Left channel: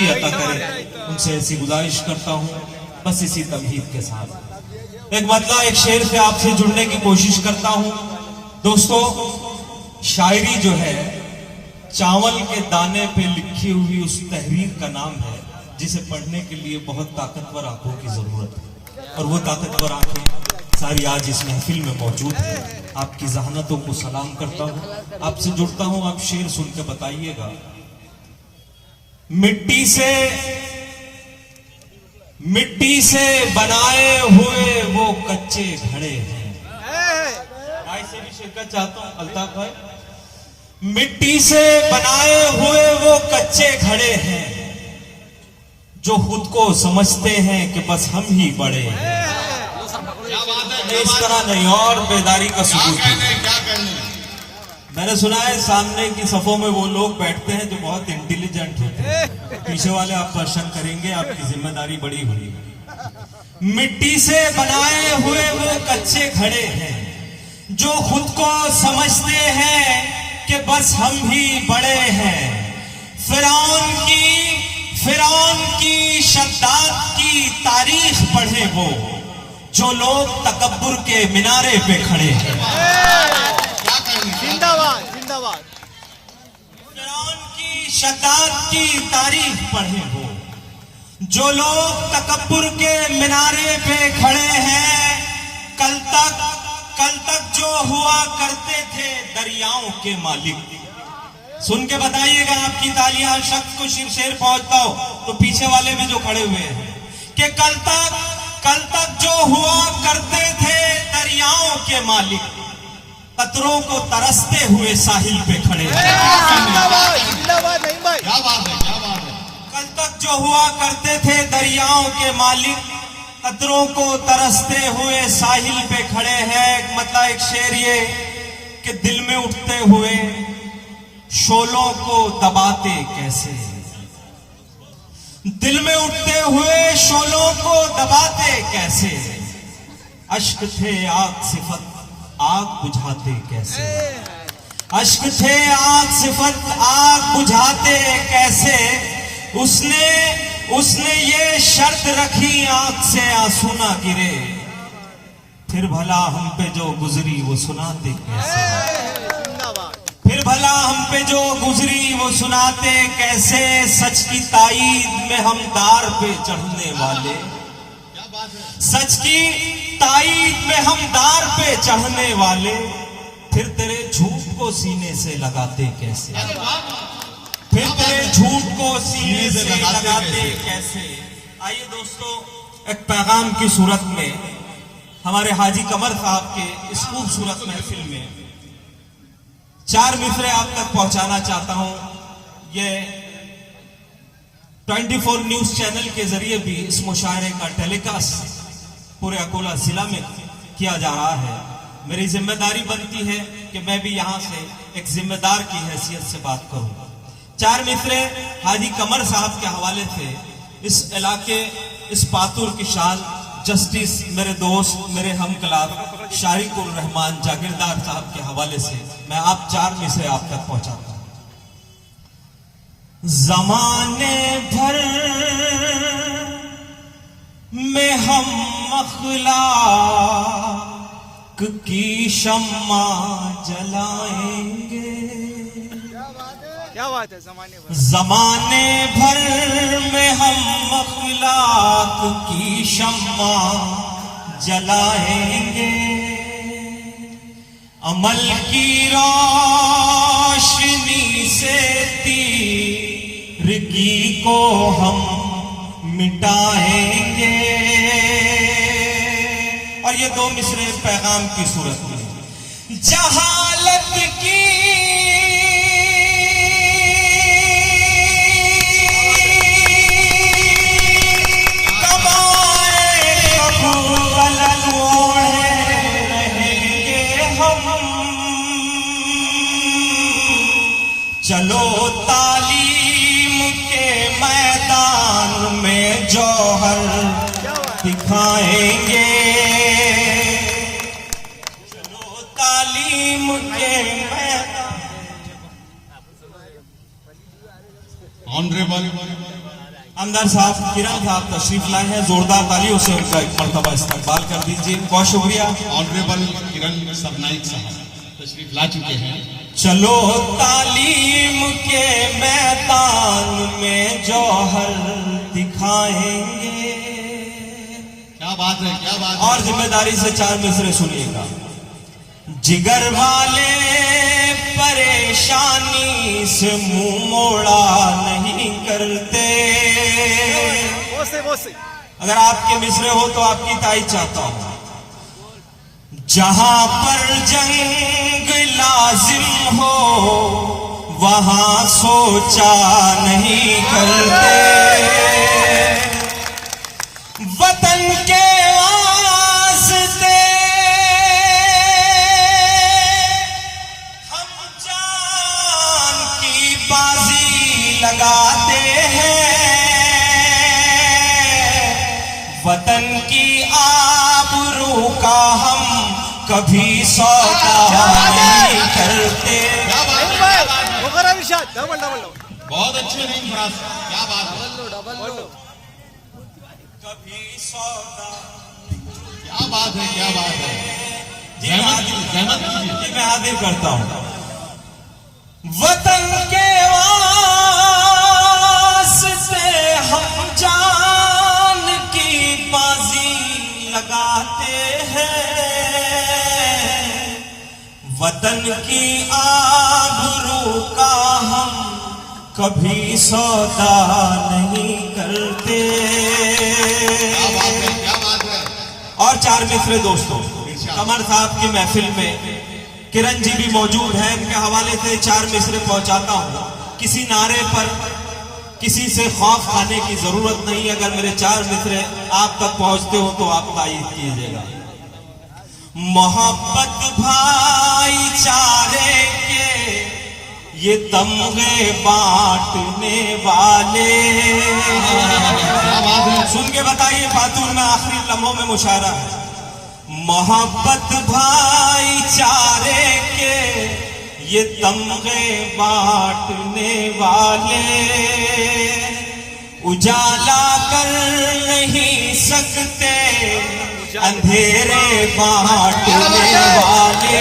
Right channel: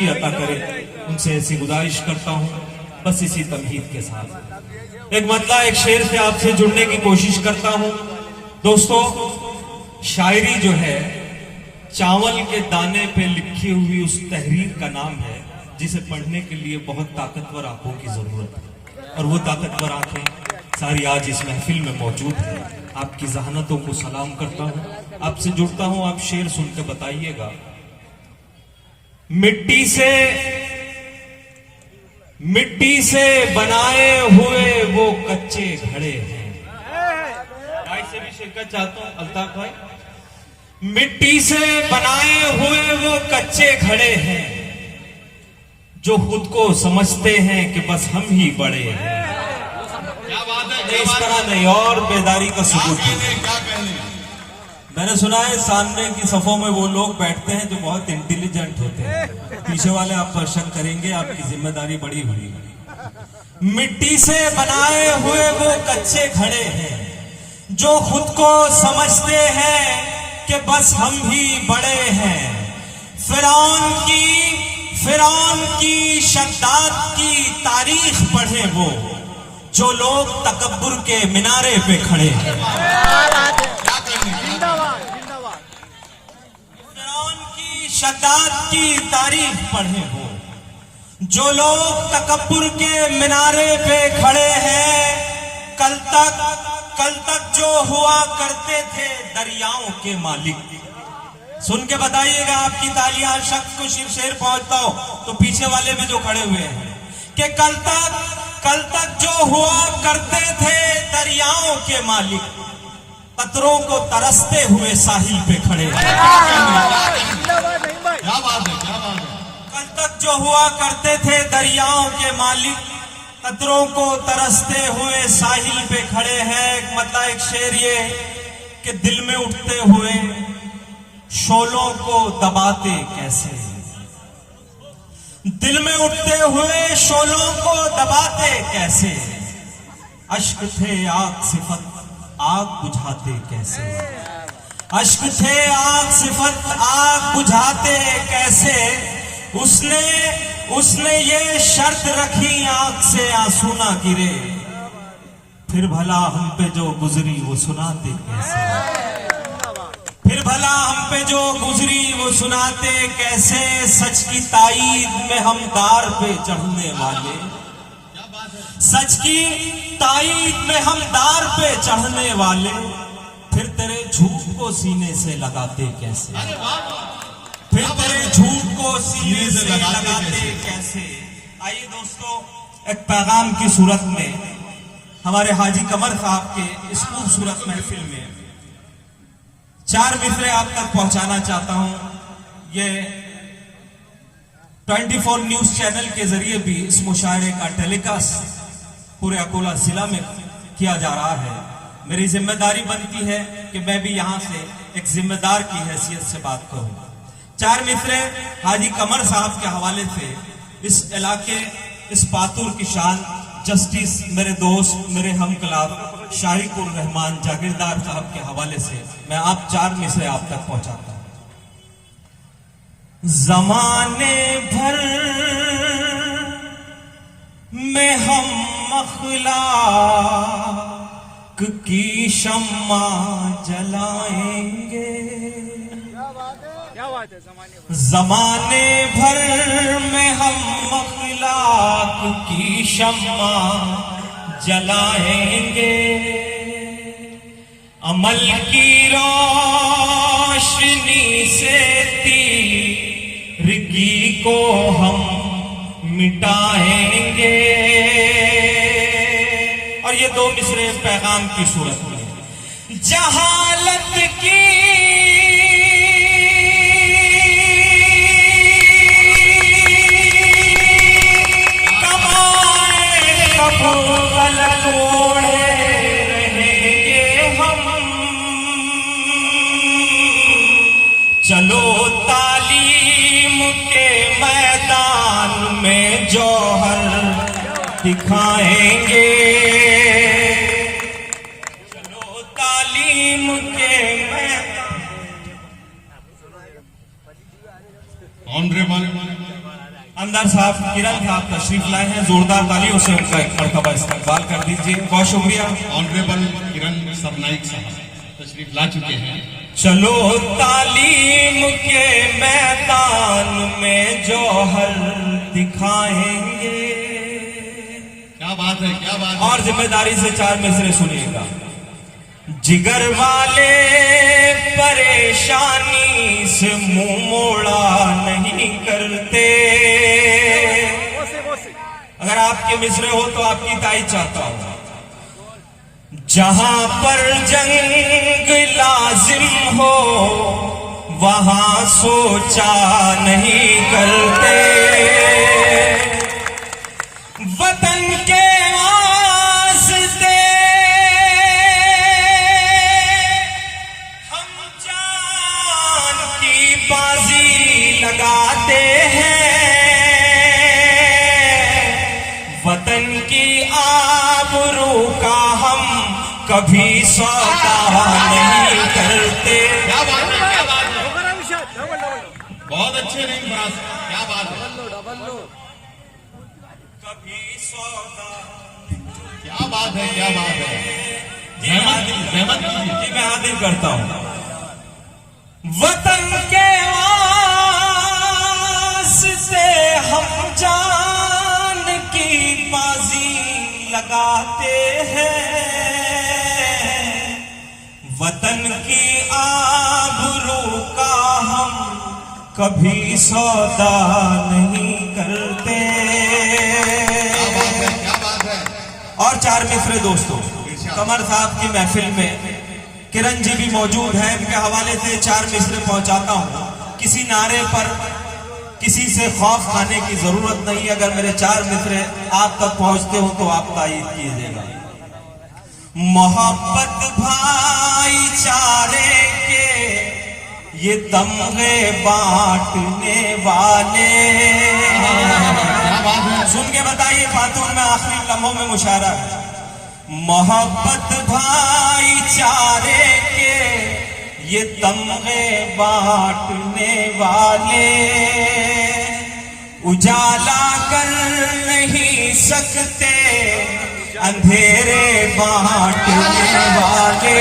जिंदगी अता करें, उनसे ऐसी गुजारिश करता हूँ। बस इसी तमहीद के साथ एक शेर से आपसे जुड़ने की कोशिश करता हूँ। दोस्तों, शायरी जो है चावल के दाने पे लिखी हुई उस तहरीर का नाम है जिसे पढ़ने के लिए बहुत ताकतवर आंखों की जरूरत है, और वो ताकतवर आंखें सारी आज इस महफिल में मौजूद है। आपकी जहानतों को सलाम करता हूँ, आपसे जुड़ता हूँ। आप शेर सुन के बताइएगा। मिट्टी से बनाए हुए वो कच्चे घड़े हैं। भाई से भी शिरकत चाहता हूं अल्ताफ भाई। मिट्टी से बनाए हुए वो कच्चे घड़े हैं जो खुद को समझते हैं कि बस हम ही बड़े हैं। इस तरह नहीं, और बेदारी का सबूत है। मैंने सुना है सामने की सफों में वो लोग बैठते हैं जो बहुत इंटेलिजेंट होते हैं। पीछे वाले आप क्वेश्चन करेंगे, आपकी जिम्मेदारी बड़ी हुई है। मिट्टी से बनाए हुए वो कच्चे घड़े हैं जो खुद को समझते हैं कि बस हम ही बड़े हैं। फिरौन की शद्दाद की तारीख पढ़े वो जो लोग तकब्बुर के मिनारे पे खड़े हैं। जिंदाबाद जिंदाबाद। फिरौन की शद्दाद की तारीख पढ़े हो जो लोग तकब्बुर के मिनारे पे खड़े हैं। कल तक जो हुआ करते थे दरियाओं के मालिक। सुन के बताइएगा, आपकी तालियां शख्स को शेर पहुंचता हो तो पीछे वाले भी जो खड़े हुए हैं कि कल तक जो हुआ करते थे दरियाओं के मालिक, कतरों को तरसते हुए साहिल पे खड़े हैं। कल तक जो हुआ करते थे दरियाओं के मालिक, कतरों को तरसते हुए साहिल पे खड़े हैं। मतलब एक शेर ये कि दिल में उठते हुए शोलों को दबाते कैसे, दिल में उठते हुए शोलों को दबाते कैसे। अश्क थे आग सिफत आग बुझाते कैसे, अश्क थे आग सिफत आग बुझाते कैसे। उसने ये शर्त रखी आंख से आंसू ना गिरे, फिर भला हम पे जो गुजरी वो सुनाते कैसे, फिर भला हम पे जो गुजरी वो सुनाते कैसे। सच की ताईद में हम दार पे चढ़ने वाले, सच की ताईद में हम दार पे चढ़ने वाले, फिर तेरे झूठ को सीने से लगाते कैसे, फिर तेरे झूठ को सीने से लगाते कैसे। आइए दोस्तों, एक पैगाम की सूरत में हमारे हाजी कमर साहब के इस खूबसूरत महफिल में 4 मिसरे आप तक पहुंचाना चाहता हूं। ये 24 न्यूज चैनल के जरिए भी इस मुशायरे का टेलीकास्ट पूरे अकोला जिला में किया जा रहा है। मेरी जिम्मेदारी बनती है कि मैं भी यहां से एक जिम्मेदार की हैसियत से बात करूं। 4 मिसरे हाजी कमर साहब के हवाले से इस इलाके, इस पातुर की शान जस्टिस मेरे दोस्त, मेरे हम कलाम शारिकुर रहमान जागीरदार साहब के हवाले से मैं आप 4 मिसरे आप तक पहुंचाता हूं। जमाने भर में हम अखलाक की शम्मा जलाएंगे, क्या बात है। जमाने भर में हम अखलाक की शम्मा जलाएंगे, अमल की रोशनी से तीरगी को हम मिटाएंगे। और ये 2 मिसरे पैगाम की सूरत में जहालत की चलो तालीम के मैदान में जौहर दिखाएंगे, चलो तालीम के मैदान। ऑनरेबल आमदार साहब किरण साहब तशरीफ लाए हैं, जोरदार तालियों से उनका एक मरतबा इस्तकबाल कर दीजिए। बहुत शुक्रिया। ऑनरेबल किरण सरनाइक साहब तशरीफ ला चुके हैं। चलो तालीम के मैदान में जौहर दिखाएंगे। क्या बात है, क्या बात है। और जिम्मेदारी से 4 मिसरे सुनिएगा। जिगर वाले परेशानी से मुंह मोड़ा नहीं करते। अगर आपके मिसरे हो तो आपकी ताई चाहता हूं। जहां पर जंग लाजिम हो वहां सोचा नहीं करते। वतन के वास्ते हम जान की बाजी लगाते हैं। वतन की आबरू का हम कभी सौदा नहीं करते। बहुत अच्छे नहीं फ्रांस, क्या बात है। कभी सौदा क्या बात है, क्या बात है। जहमत कीजिए, मैं हाजिर करता हूं। वतन के वास्ते हम जान की बाजी लगाते हैं। वतन की आबरू का हम कभी सौदा नहीं करते। क्या बात है। और 4 मिसरे दोस्तों, कमर साहब की महफिल में किरण जी भी मौजूद हैं। इनके हवाले से 4 मिसरे पहुंचाता हूं। किसी नारे पर किसी से खौफ खाने की जरूरत नहीं है। अगर मेरे 4 मिसरे आप तक पहुंचते हो तो आप तायीद कीजिएगा। मोहब्बत भाईचारे के ये तमगे बांटने वाले। सुन के बताइए खातून में आखिरी लम्हों में मुशारा है। मोहब्बत भाईचारे के ये तमगे बांटने वाले। उजाला कर नहीं सकते अंधेरे बांटने वाले।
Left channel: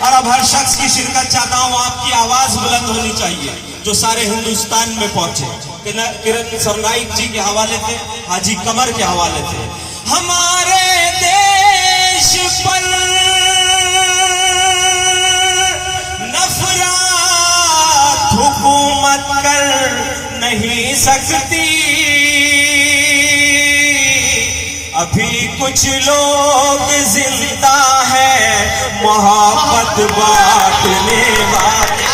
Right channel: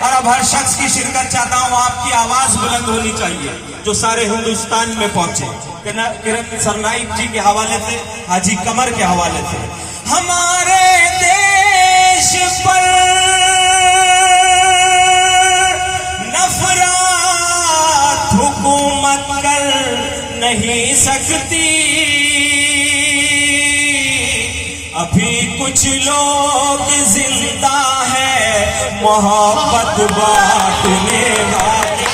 और अब हर शख्स की शिरकत चाहता हूं। आपकी आवाज बुलंद होनी चाहिए जो सारे हिंदुस्तान में पहुंचे। किरण सरनाइक जी के हवाले से, हाजी कमर के हवाले से। हमारे देश पर नफरत हुकूमत कर नहीं सकती। अभी कुछ लोग जिंदा है मोहब्बत बांटने वाले।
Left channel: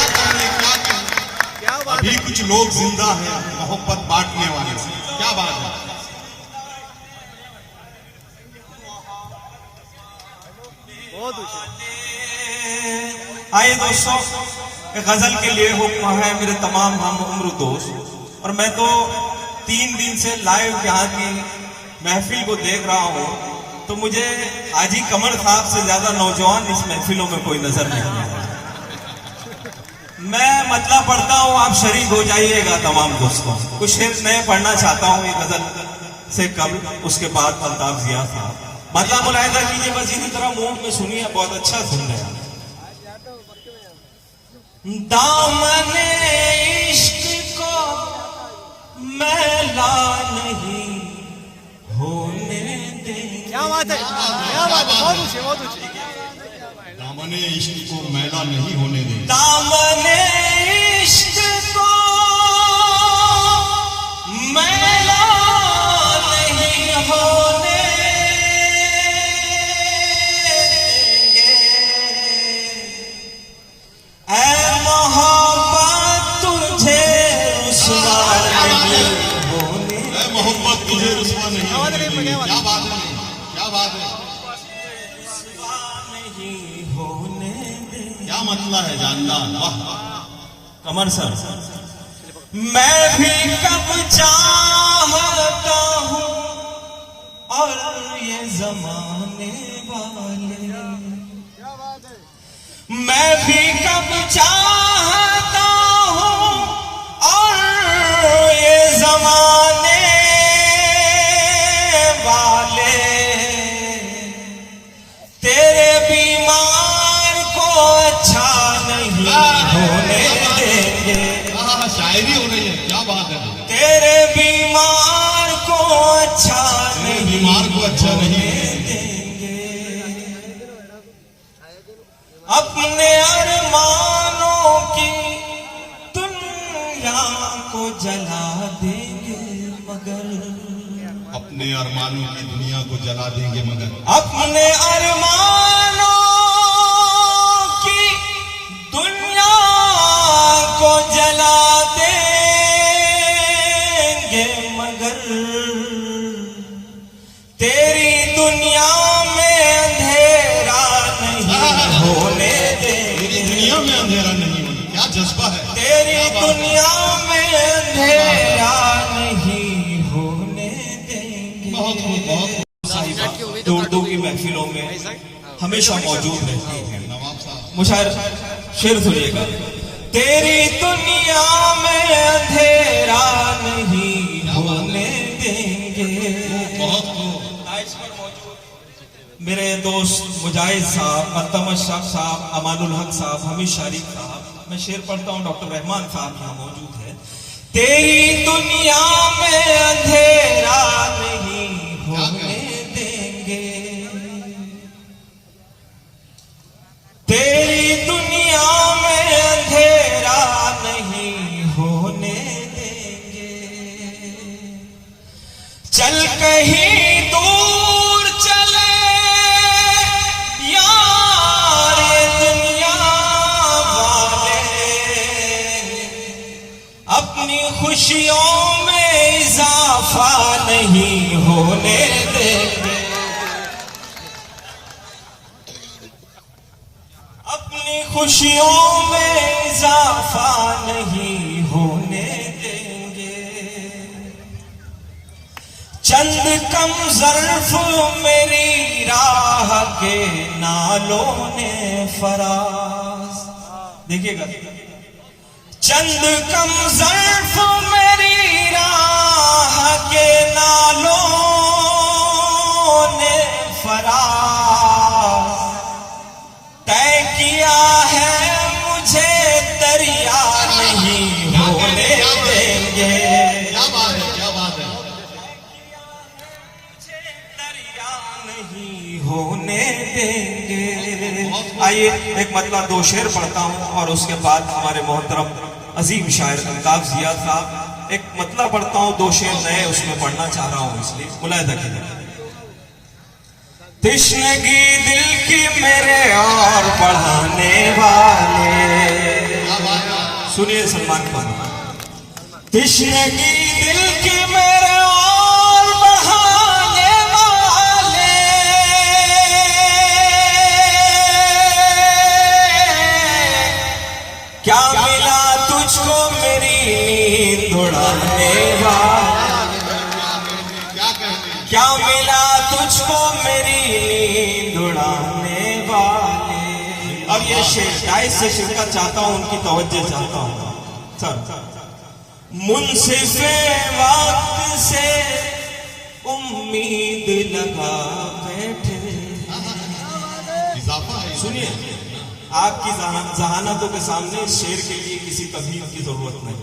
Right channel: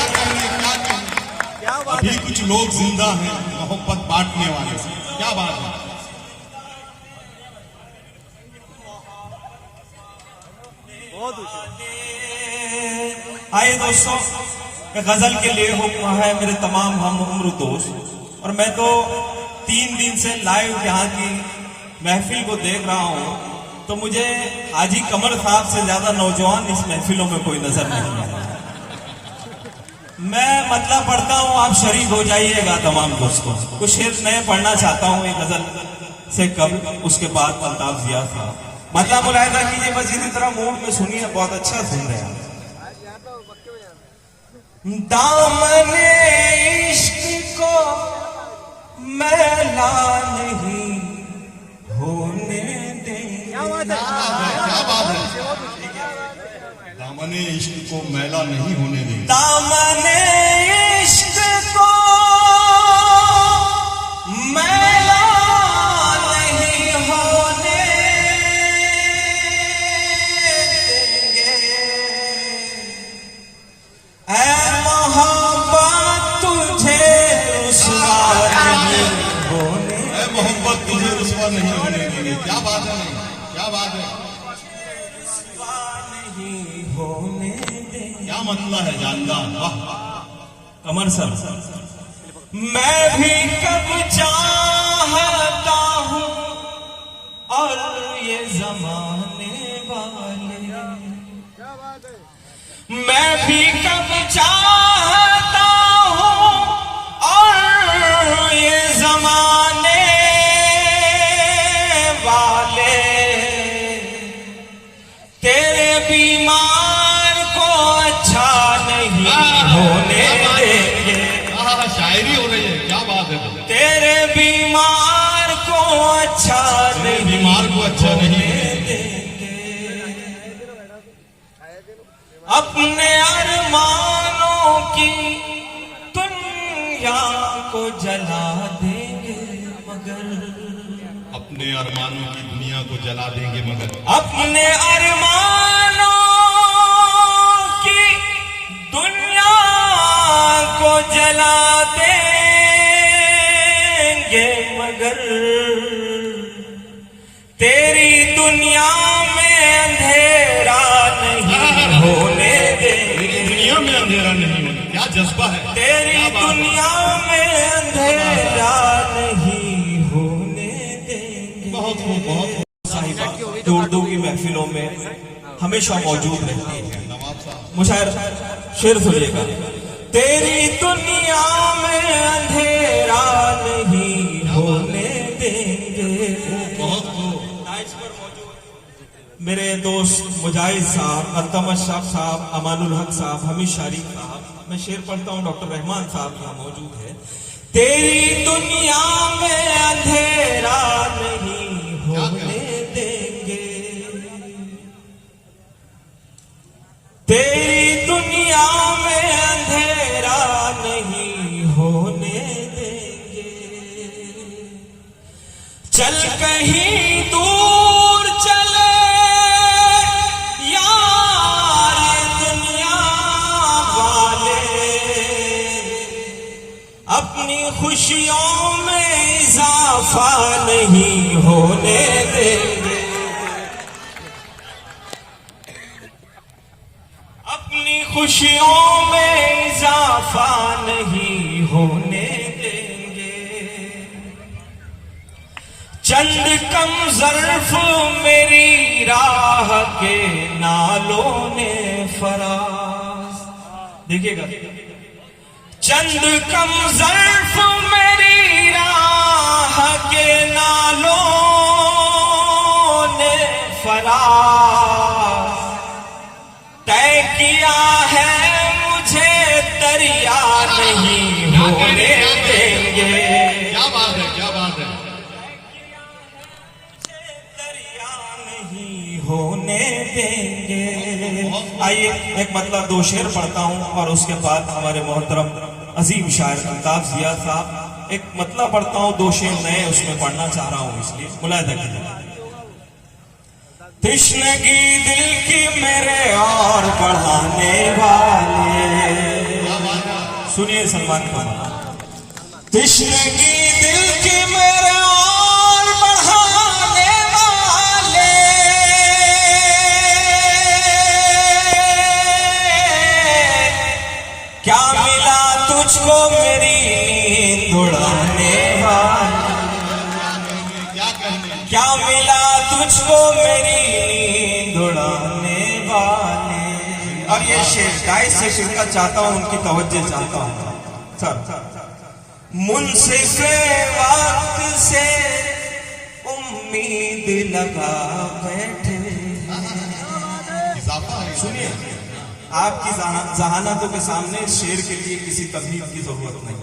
अभी कुछ लोग जिंदा हैं मोहब्बत बांटने वाले। क्या बात है। आइए दोस्तों, गजल के लिए हुक्म है मेरे तमाम हम उम्र दोस्त। और मैं तो 3 दिन से लाइव यहाँ की महफिल को देख रहा हूँ, तो मुझे हाजी कमर साहब से ज्यादा नौजवान इस महफिलों में कोई नजर नहीं आता। मैं मतलब पढ़ता हूँ, आप शरीक हो जाइएगा तमाम दोस्तों। कुछ शेर मैं पढ़ना चाहता हूँ एक गजल से कब, उसके बाद अल्ताफ जिया था। मतलब मुलाहिजा कीजिए, बस इसी तरह मूड में सुनिए, बहुत अच्छा सुन रहे हैं। दामने इश्क को मैला नहीं होने देंगे। दामने इश्क को मैला नहीं होने देंगे। दामने इश्क को मैला नहीं होने देंगे। ऐ मोहब्बत तुझे रुसवा नहीं होने। ऐ मोहब्बत तुझे रुसवा नहीं होने देंगे। क्या बात है, क्या बात है। होने दे। क्या मतलब है जानदार। कमर सर, मैं भी कब चाहता हूँ और ये जमाने वाले। मैं भी कब चाहता हूँ जला देंगे मगर, अपने अरमानों की दुनिया को जला देंगे मगर, अपने अरमानों की दुनिया को जला देंगे मगर, तेरी दुनिया में अंधेरा नहीं होने देंगे। तेरी दुनिया में अंधेरा नहीं होने, क्या जज्बा है, तेरी दुनिया में अंधेरा नहीं होने देंगे। बहुत बहुत दूर दूर की महफिलों में हमेशा मौजूद रहती है। नवाब साहब, मुशायर शेर सुनिएगा। तेरी दुनिया में अंधेरा नहीं होने देंगे। बहुत मेरे दोस्त मुजाहिद साहब, अल्तमश अशरफ साहब, अमानुल हक साहब, हमीद शरीफ साहब, मैं शेर पढ़ता हूँ, डॉक्टर रहमान साहब यहाँ मौजूद है। तेरी दुनिया में अंधेरा नहीं होने देंगे, तेरी दुनिया में अंधेरा नहीं होने देंगे। चल कहीं दूर चले यार दुनिया वाले, अपनी खुशियों में इजाफा नहीं होने देंगे, अपनी खुशियों में इजाफा नहीं होने देंगे। चंद कम ज़र्फ मेरी राह के नालों ने फराज, देखिएगा, चंद कम ज़र्फ मेरी राह के नालों ने फराज तय किया है, मुझे दरिया नहीं होने देंगे। क्या बात है, क्या बात है। दरिया नहीं होने देंगे। आइए एक मतलब दो शेर पढ़ता हूँ और उसके बाद हमारे मोहतरम अजीम शायर अल्ताफ ज़ियाद साहब, एक मतलब पढ़ता हूँ, दो शेर नए उसमें पढ़ना चाह रहा हूँ, इसलिए मुलायदा कीजिए। तश्नगी दिल की मेरे और बढ़ाने वाले, सुनिए सलमान को, तश्नगी दिल की मेरे और बढ़ाने वाले, क्या मिला तुझको मेरी नींद उड़ाने वाले, क्या कहने, क्या मिला तुझको मेरी नींद उड़ाने वाले। और ये शेर शायद से शिरकत चाहता हूं, उनकी तवज्जो चाहता हूं। सर, मुंसिफ़े वक्त से उम्मीद लगा बैठे, इजाफा है। सुनिए, आपकी जहानतों के सामने शेर के लिए किसी तबलीग की जरूरत नहीं।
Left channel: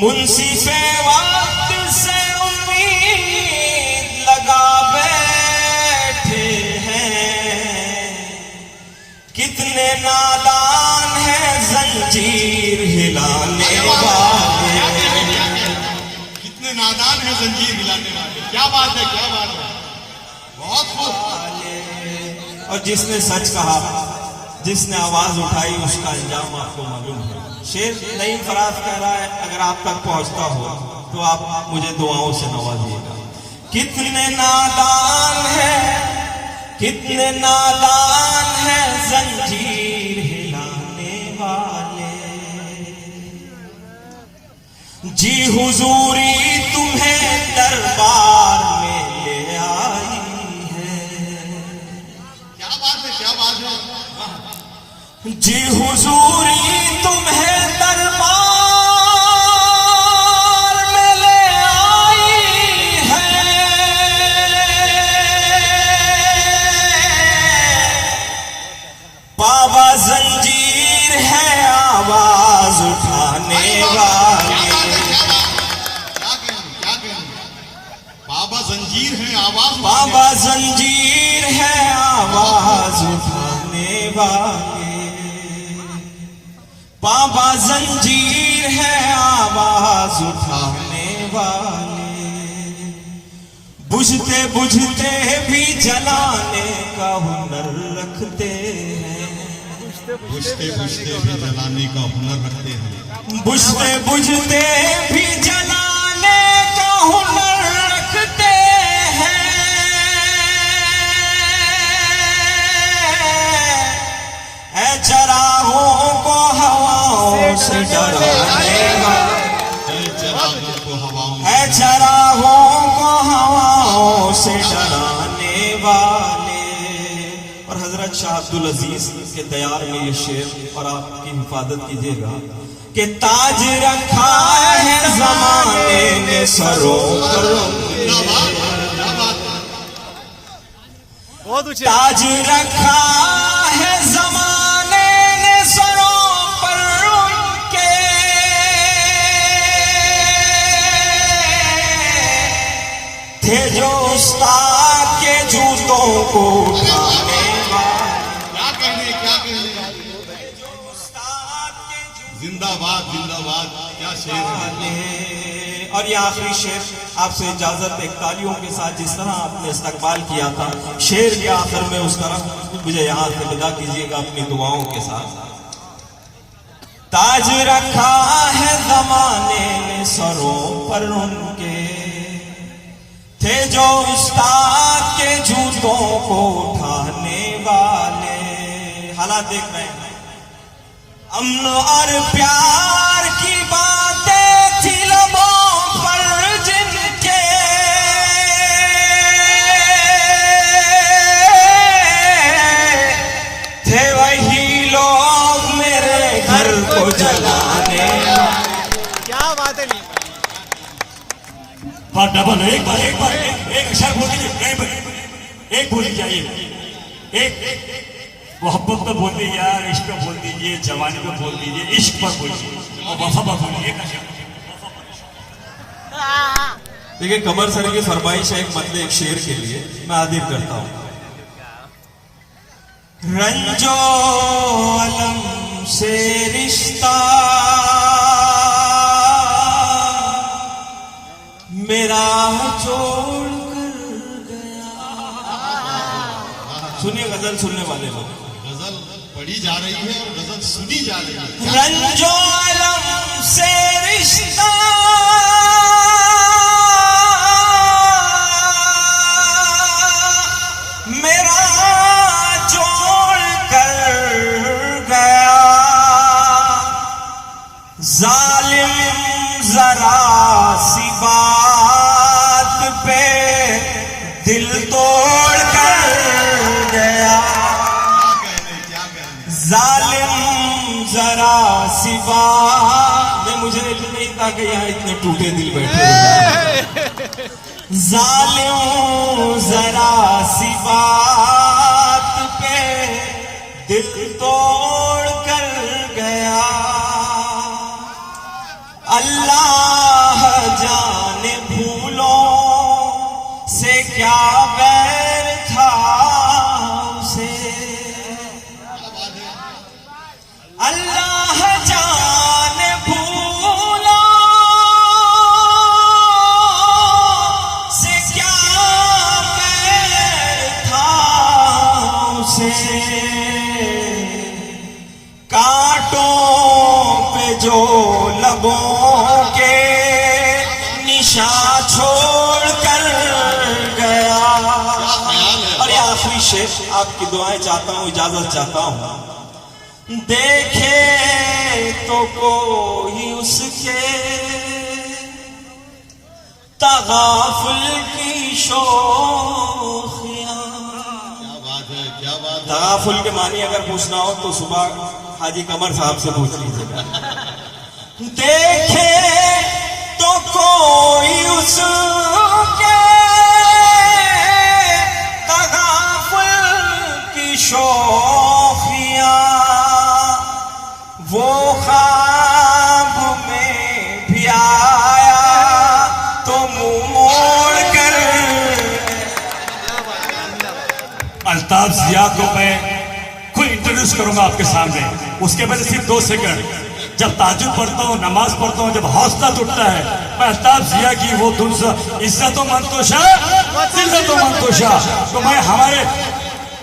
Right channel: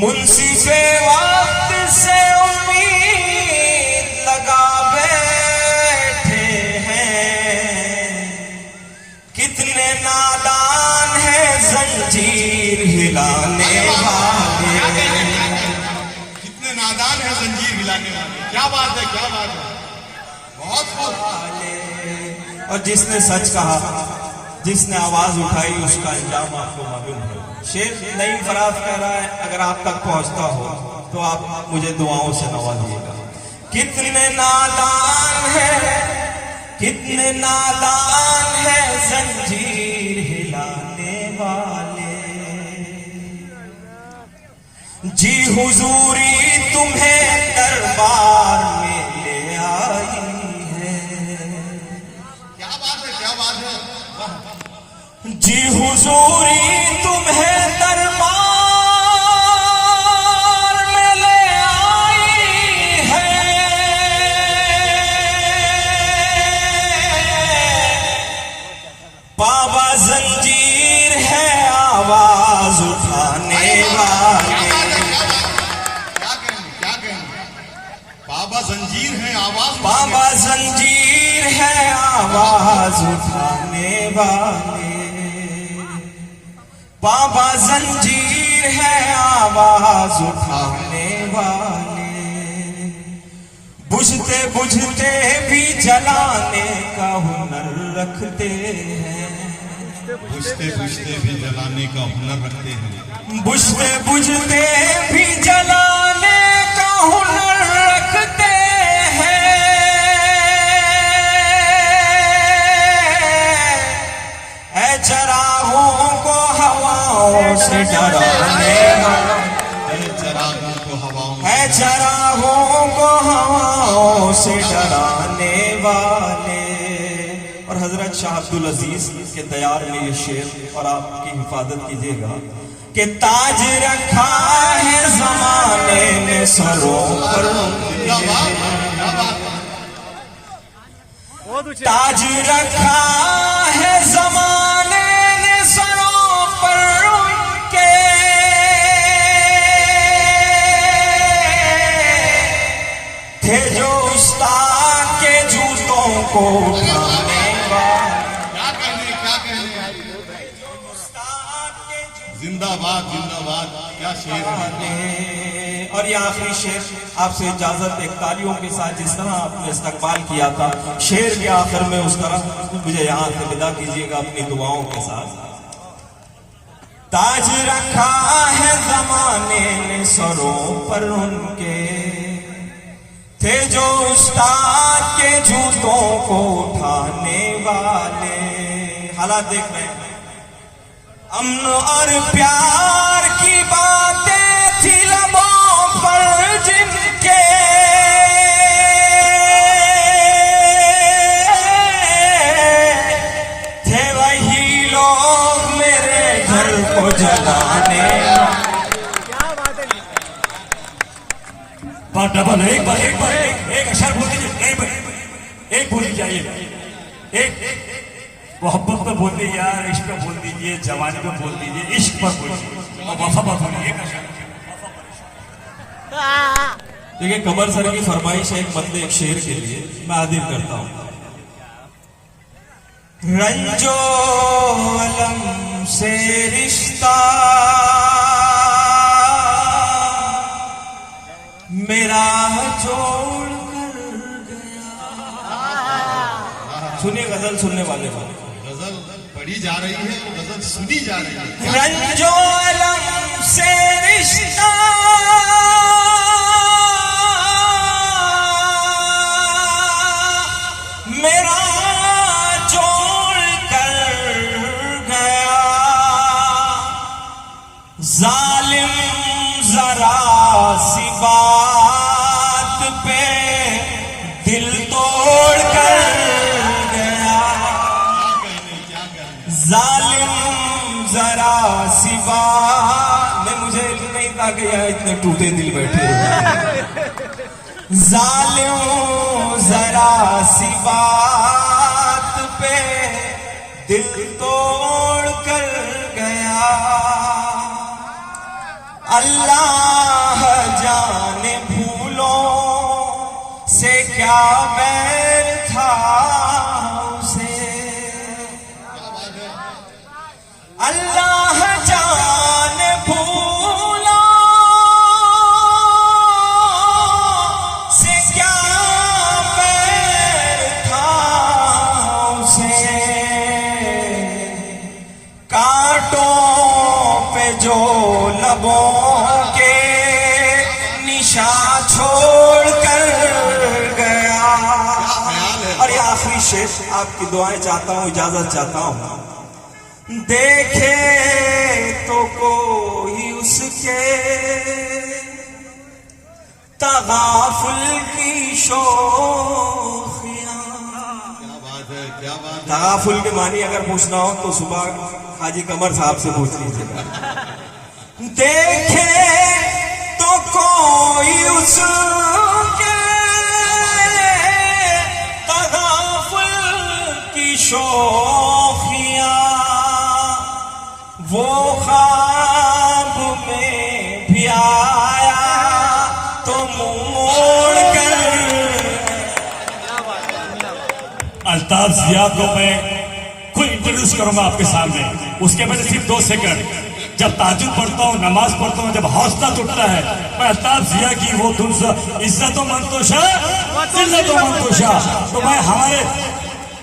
मुंसिफ़े वक्त से उम्मीद लगा बैठे हैं, कितने नादान हैं जंजीर हिलाने वाले, कितने नादान है जंजीर हिलाने वाले। क्या बात है, क्या बात है, बहुत खूब। और जिसने सच कहा, जिसने आवाज उठाई, उसका अंजाम आपको मालूम है। शेर नहीं फराज कह रहा है, अगर आप तक पहुंचता हो तो आप मुझे दुआओं से नवाजिएगा। कितने नादान हैं, कितने नादान हैं जंजीर हिलाने वाले, जी हुजूरी तुम्हें दरबार में ले आई है, क्या बात है, क्या बात है। जी हुजूरी तुम्हें दरबार में ले आई है, बाबा जंजीर है आवाज उठाने वाले, क्या कहने, बाबा जंजीर है आवाज, बाबा जंजीर है आवाज उठाने वाले, बाबा जंजीर वीर है आवाज उठाने वाले, बुझते बुझते भी जलाने का हुनर रखते हैं, बुझते बुझते भी जलाने का हुनर रखते हैं, बुझते बुझते भी जलाने का हुनर रखते हैं। ऐ चरागों को हवाओं से डराने वाले, चरागों को हवाओं ऐ चरागों को हवाओं से डराने वाले। और हजरत शाह अब्दुल अजीज के तैयार में ये शेर और आपकी हिफाजत कीजिएगा कि ताज रखा है जमाने ने सरों पर उनके, बहुत ऊंचे। ताज रखा है जमाने ने सरों पर उनके, थे जो उस्ताद के जूतों को उठाने क्या कहने जिंदाबाद जिंदाबाद, क्या शेर है। वाले। और ये आखिरी शेर आपसे इजाजत, एक तालियों के साथ जिस तरह आपने इस्तकबाल किया था शेर के आखिर में, उस तरह मुझे यहाँ से विदा कीजिएगा अपनी दुआओं के साथ। ताज रखा है जमाने ने सरों पर उनके, थे जो उस्ताद के जूतों को उठाने वाले। हालात देख रहे हैं, अमन और प्यार की बातें थी लबों पर जिनके, थे वही लोग मेरे घर को जलाने। क्या बात है। डबल एक अक्षर बोल दीजिए, एक बोल जाइए, एक मोहब्बत पर बोल दीजिए यार, इश्क पर बोल दीजिए, जवानी पर बोल दीजिए, इश्क पर बोलिए और वफा पर बोलिए। एक अक्षर। देखिए कमर सर की फरमाइश है एक मतलब एक शेर के लिए, मैं हाजिर करता हूं। रंजोलम से रिश्ता मेरा जोड़ कर गया। सुनिए गजल सुनने वाले लोग, गजल पढ़ी जा रही है और गजल सुनी जा रही है। रंजोलम से रिश्ता मेरा जोड़ कर गया, जालिम जरा सी बात पे दिल तोड़ कर गया, क्या कहने जालिम जरा सी बात। मैं मुझे नहीं था कि यहाँ इतने टूटे दिल बैठे हुए। जालिम जरा सी बात पे दिल तोड़ कर गया, अल्लाह जाने भूलों से क्या बैर था उसे, अल्लाह जाने भूलों से क्या बैर था उसे, कांटों पे जो लबों के निशान छोड़ कर गया। और ये आखिरी शेर आपकी दुआएं चाहता हूं, इजाजत चाहता हूं। देखे तो कोई उसके तगाफुल की शोखियां। क्या बात है, क्या बात है। तगाफुल के मानी अगर पूछना हो तो सुबह हाजी कमर साहब से पूछ लीजिएगा। देखे तो कोई उसके तगाफुल की शोखियां, वो ख्वाब में भी आया तो मुंह मोड़ कर। क्या बात है। जिंदाबाद। अल्ताफ जिया को मैं खुद इंट्रोड्यूस करूंगा आपके सामने, उसके बाद सिर्फ 2 सेकंड। जब ताजुद पढ़ता हूँ, नमाज पढ़ता हूँ, जब हौसला टूटता है, मैं अल्ताफ जिया की वो धुन से इज्जत मंतोशा, तो मैं हमारे